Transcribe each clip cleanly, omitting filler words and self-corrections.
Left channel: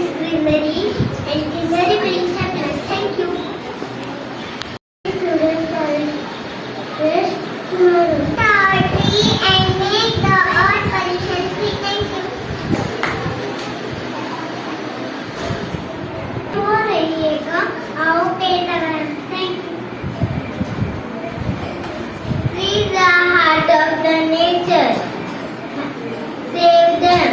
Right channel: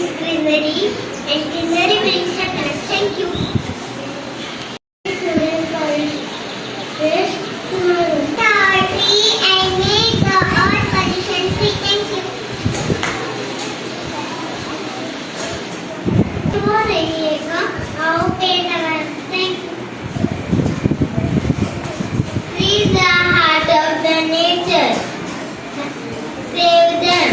brings greenery and greenery brings happiness. Thank you. Students always tomorrow. Tree and make the earth pollution free. Thank you. वो रहिएगा आओ पेड़ लगाएं. Thank you. Trees are heart of the nature. Save them.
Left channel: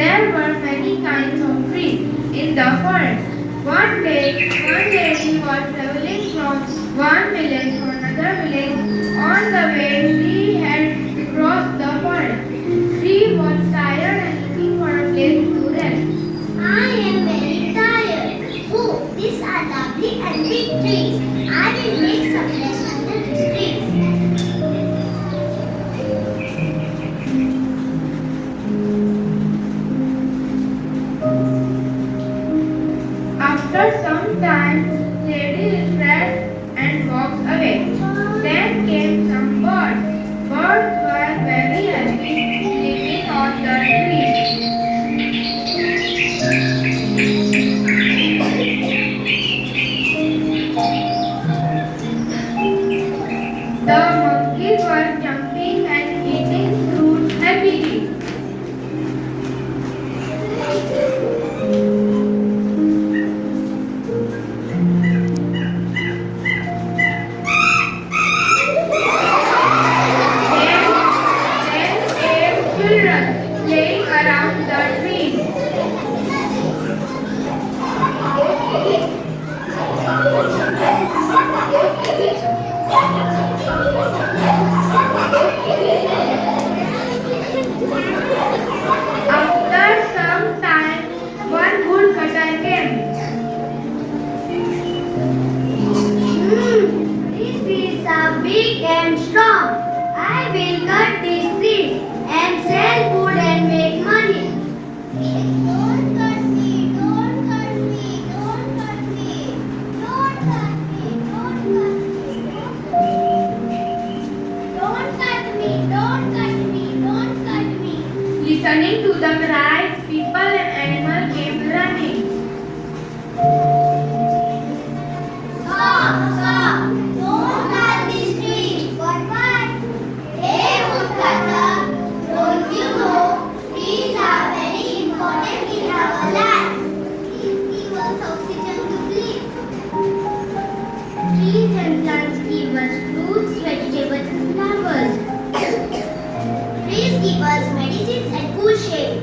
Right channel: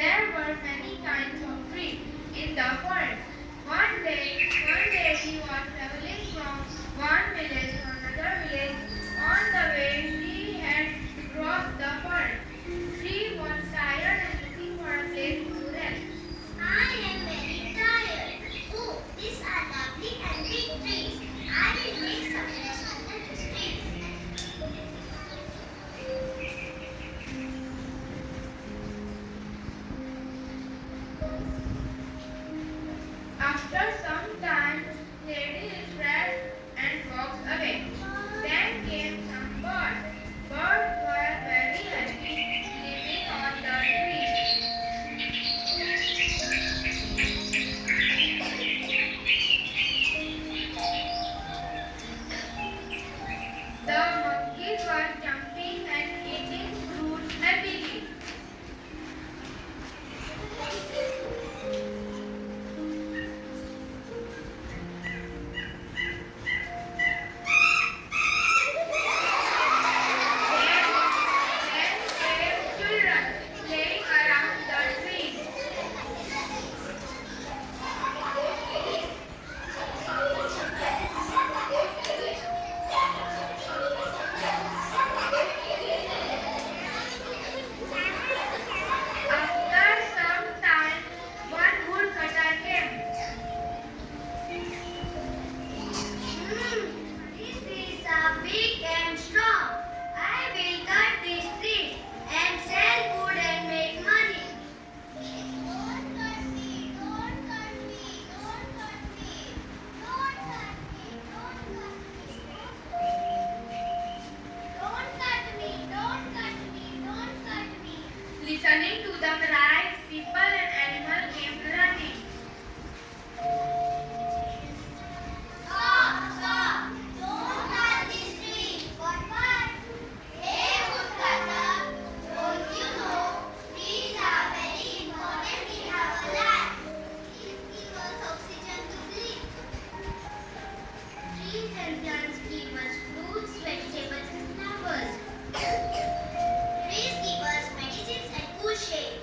There were many kinds of trees in the forest. One day, one lady was traveling from one village to another village. On the way, she had to cross the forest. She was tired and looking for a place to rest. I am very tired. Oh, these are lovely and big trees. I will make some rest under these trees. After some time, lady refreshed and walked away. Then came some birds. Birds were very happy living on the tree. The monkeys were jumping and eating fruit happily. Children playing around the tree. After some time, one woodcutter came. These trees are big and strong. I will cut these trees and sell food and make money. Don't cut me, don't cut me, don't cut me, don't cut me, don't cut me, don't cut me, don't cut me, don't cut me. Listening to the cries, people and animals came running. Stop, stop, don't cut this tree. What? Hey, woodcutter, don't you know trees are very important in our life? Trees give us oxygen to breathe. Trees and plants give us fruits, vegetables and flowers. Trees give us medicines and cool shade.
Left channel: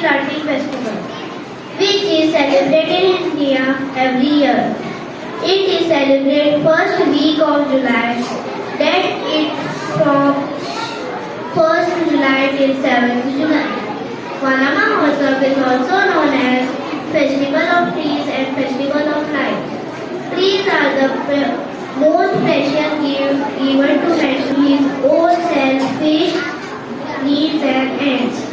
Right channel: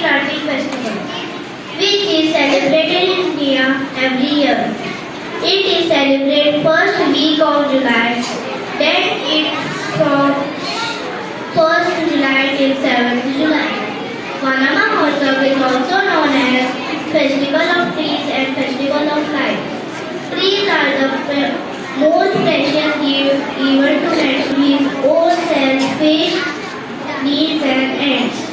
Planting Festival, which is celebrated in India every year. It is celebrated first week of July, then it's from 1st July till 7th July. Vanama Mahotsav is also known as Festival of Trees and Festival of Life. Trees are the most precious gift given to nature. His own self, fish, needs and ends.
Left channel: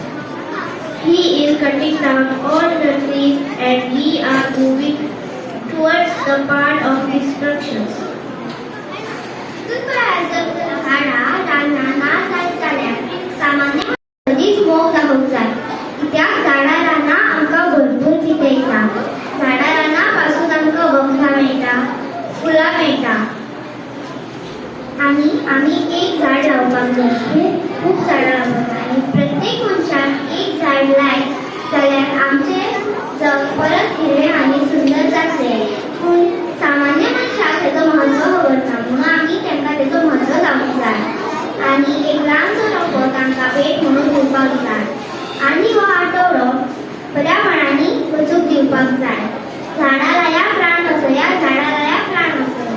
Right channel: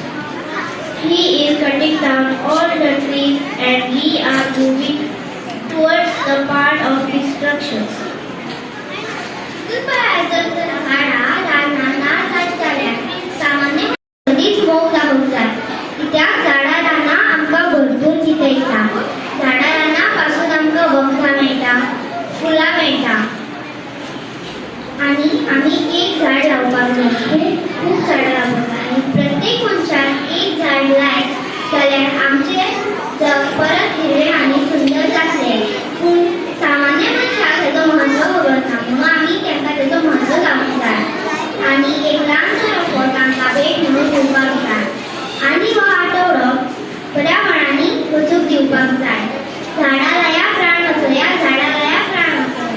He is cutting down all the trees and we are moving towards the path of destruction. कधीच मोग जाय त्या झाडांना आमकां भरपूर कितें येता झाडांना पासून आमकां वखदां मेळटा फुलां मेळटा आनी आमी एक झाड लावपाक जाय खूब झाडां लावपाक जाय आनी प्रत्येक मनशान एक झाड लायत जाल्यार आमचें जग परत हिरवें आनी सुंदर जातलें पूण सामान्य मनशाक हेजो म्हत्व खबर ना म्हणून आमी तांकां तेजो म्हत्व लावूंक जाय आनी एक ल्हानसो रोपो तांकां भेट म्हणून दिवपाक जाय आनी हो आठवडो बऱ्या मनांनी वचूंक दिवपाक जाय झाडां लाया प्राण वाचया झाडां लाया प्राण वाचया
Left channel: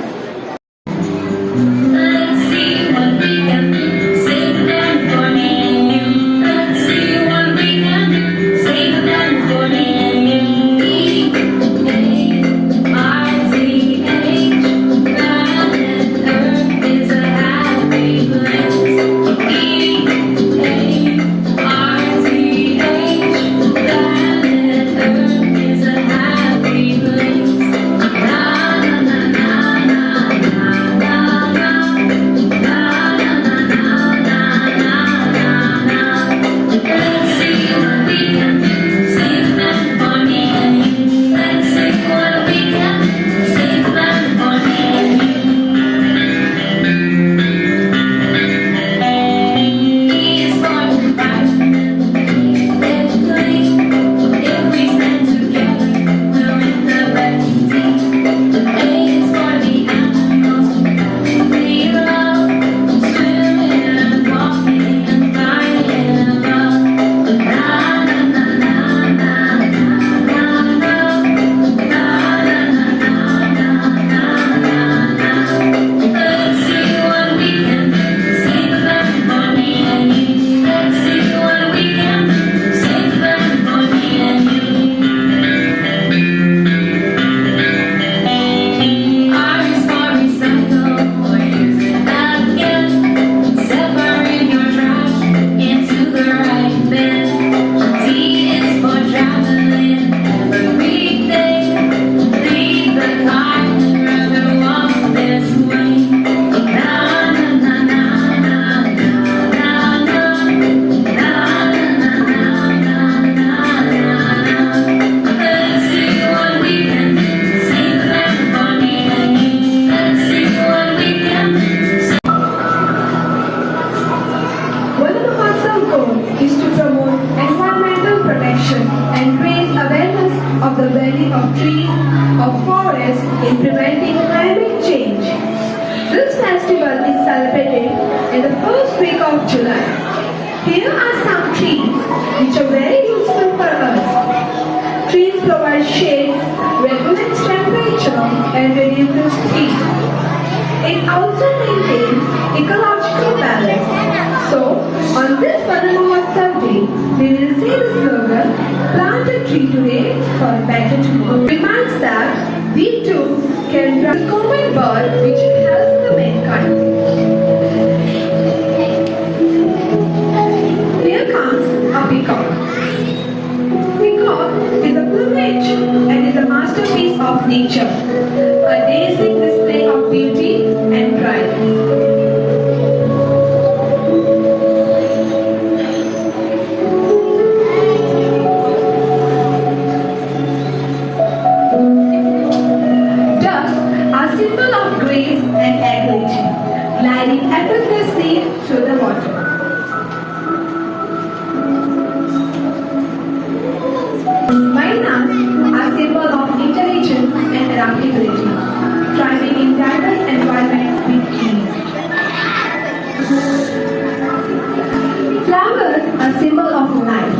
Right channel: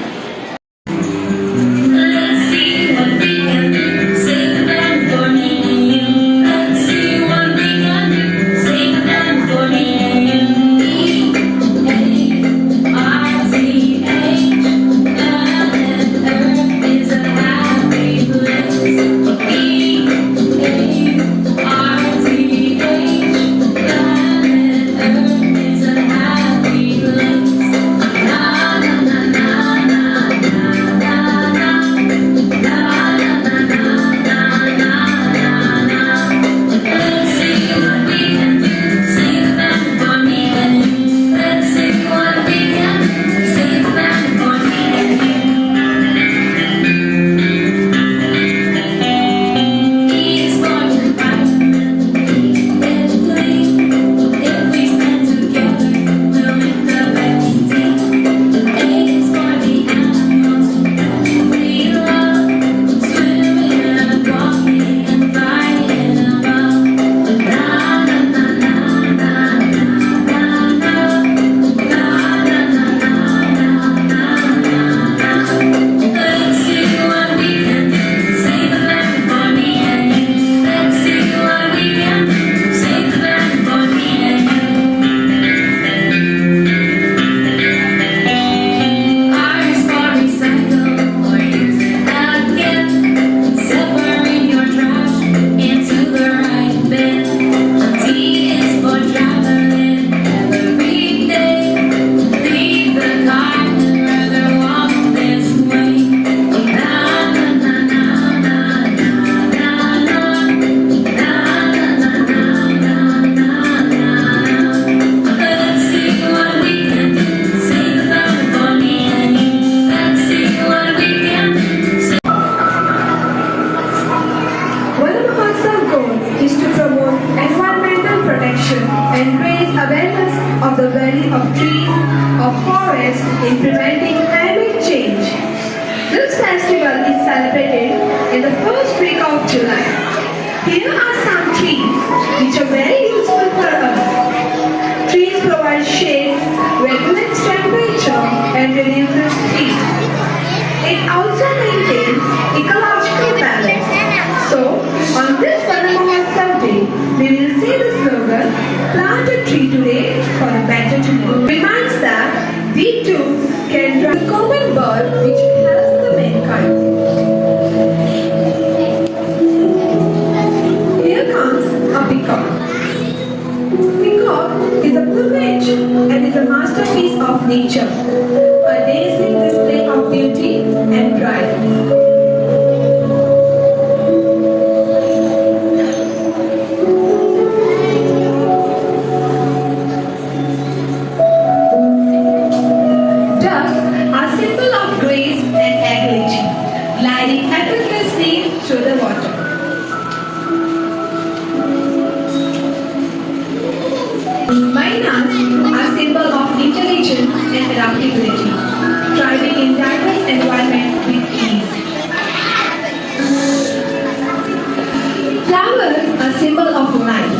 Flowers are symbol of life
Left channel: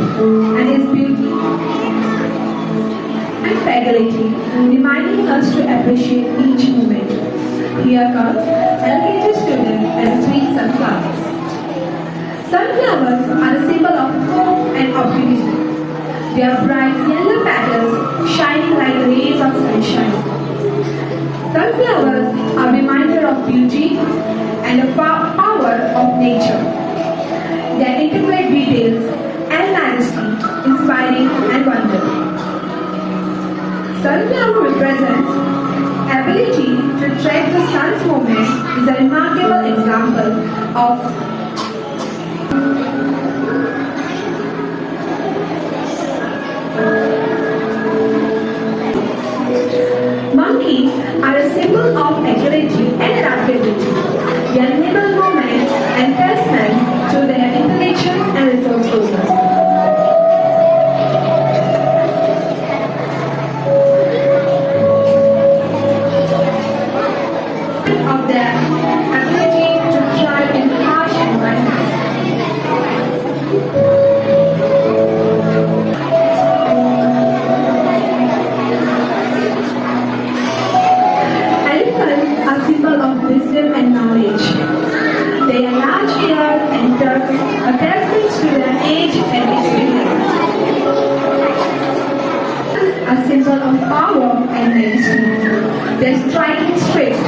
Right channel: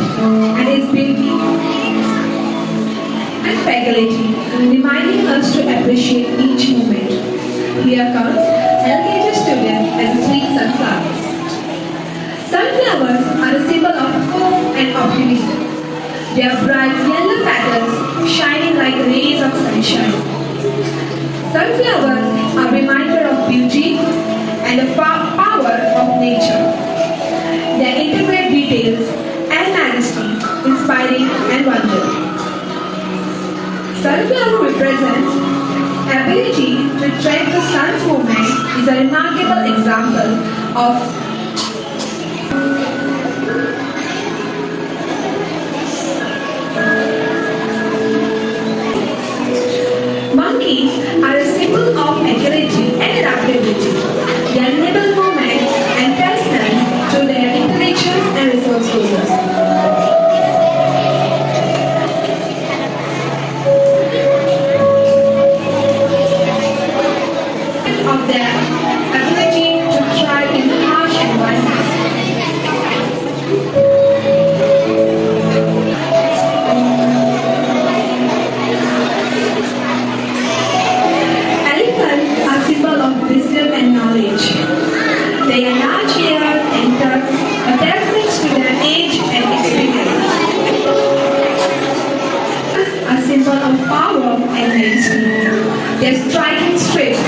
and its beauty ability, reminding us to appreciate each moment. Here comes LKG student as a sweet sunflower. Sunflowers are a symbol of hope and optimism. Their bright yellow petals shining like rays of sunshine. Sunflowers are a reminder of beauty and the power of nature. Their intricate details and majesty, inspiring and wonder. Sunflower represents ability to track the sun's movement is a remarkable example of monkeys are a symbol of agility and adaptability. They enable movement and placement through their intelligence and resourcefulness. Of their ability to thrive in harsh environments. Elephants are symbol of wisdom and knowledge. Their large ears and tusks are testaments to their age and experience. A symbol of power and majesty. Their striking strength,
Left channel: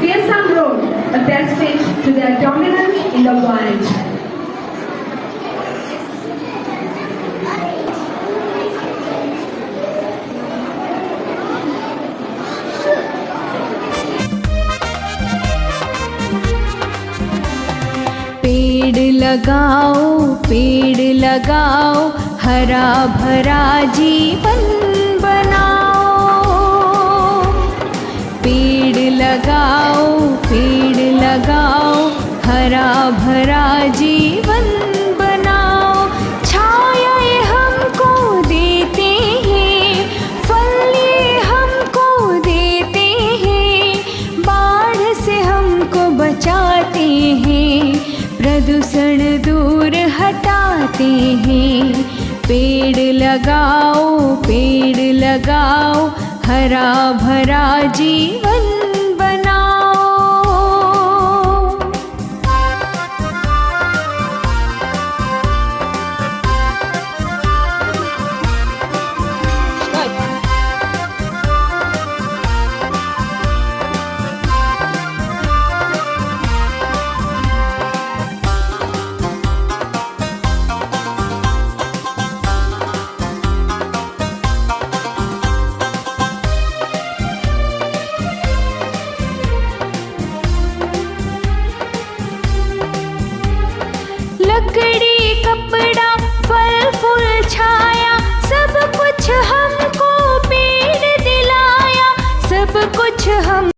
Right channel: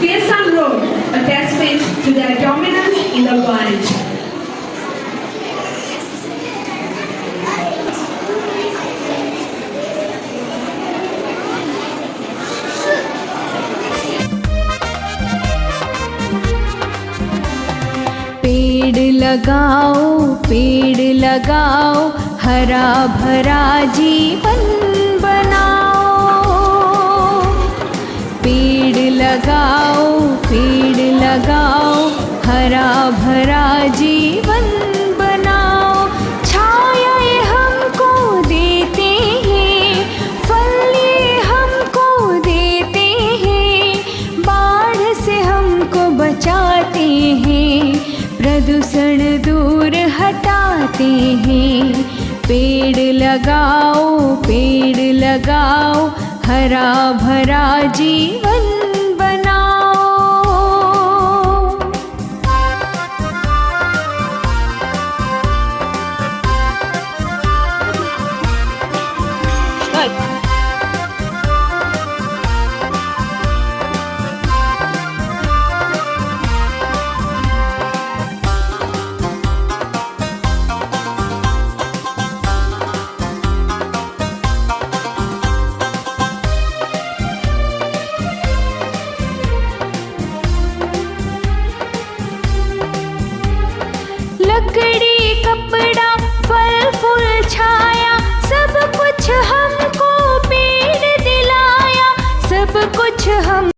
fearsome roar, a testament to their dominance in the wild. पेड़ लगाओ हरा भरा जीवन बनाओ। पेड़ लगाओ हरा भरा जीवन बनाओ। छाया ये हमको देते हैं, फल ये हमको देते हैं, बाढ़ से हमको बचाते हैं, प्रदूषण दूर हटाते हैं। पेड़ लगाओ हरा भरा जीवन बनाओ। लकड़ी कपड़ा फल फूल छाया, सब कुछ हमको पेड़ दिलाया, सब कुछ हम